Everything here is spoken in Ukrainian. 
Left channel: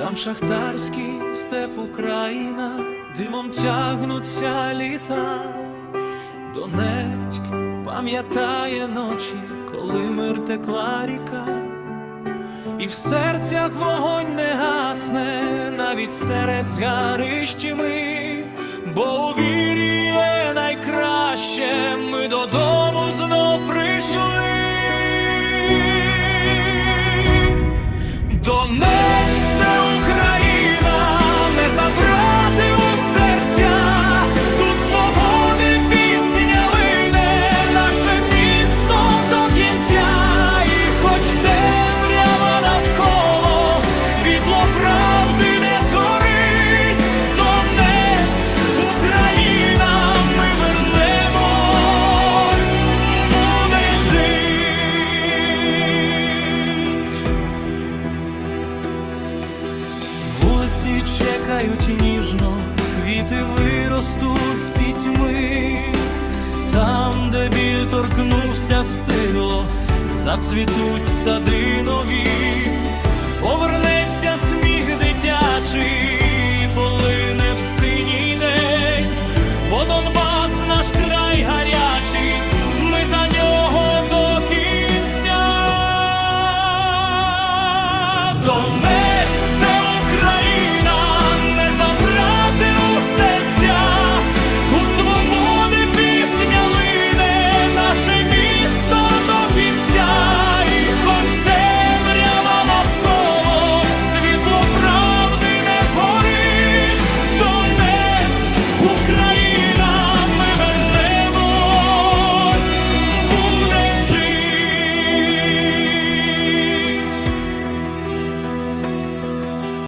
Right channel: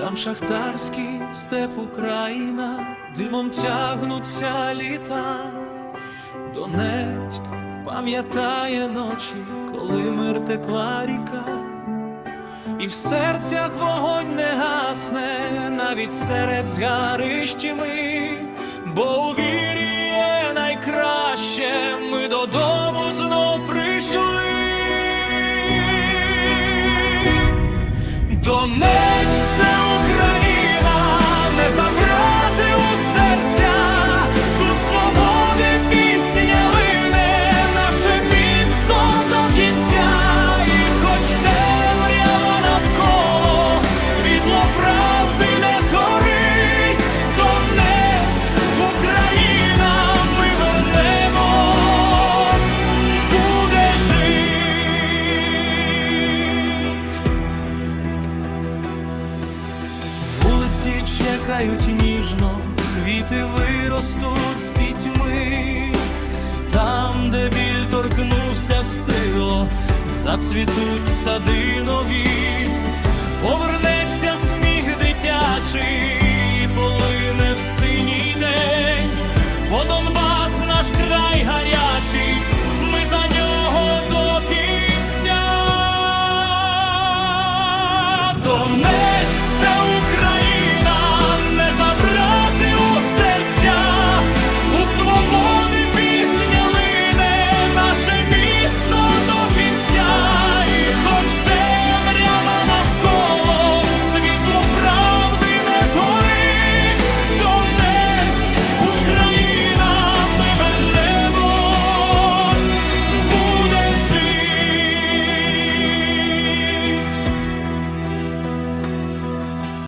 Там шахтарський степ Україна, димом тягнуться літа. Донецьк пам'ятає ночі, коли мир текла ріка, і в серцях вогонь не гасне, навіть серед згарищі ми, бо у вірі є найкраще, ми додому знов прийшли. Донецьк це вулиці чекають ніжно, квіти виростуть з пітьми, там, де біль торкнувся стило, зацвітуть сади нові, повернеться сміх дитячий, полине в синій день, бо Донбас наш край гарячий, ми за нього до кінця. До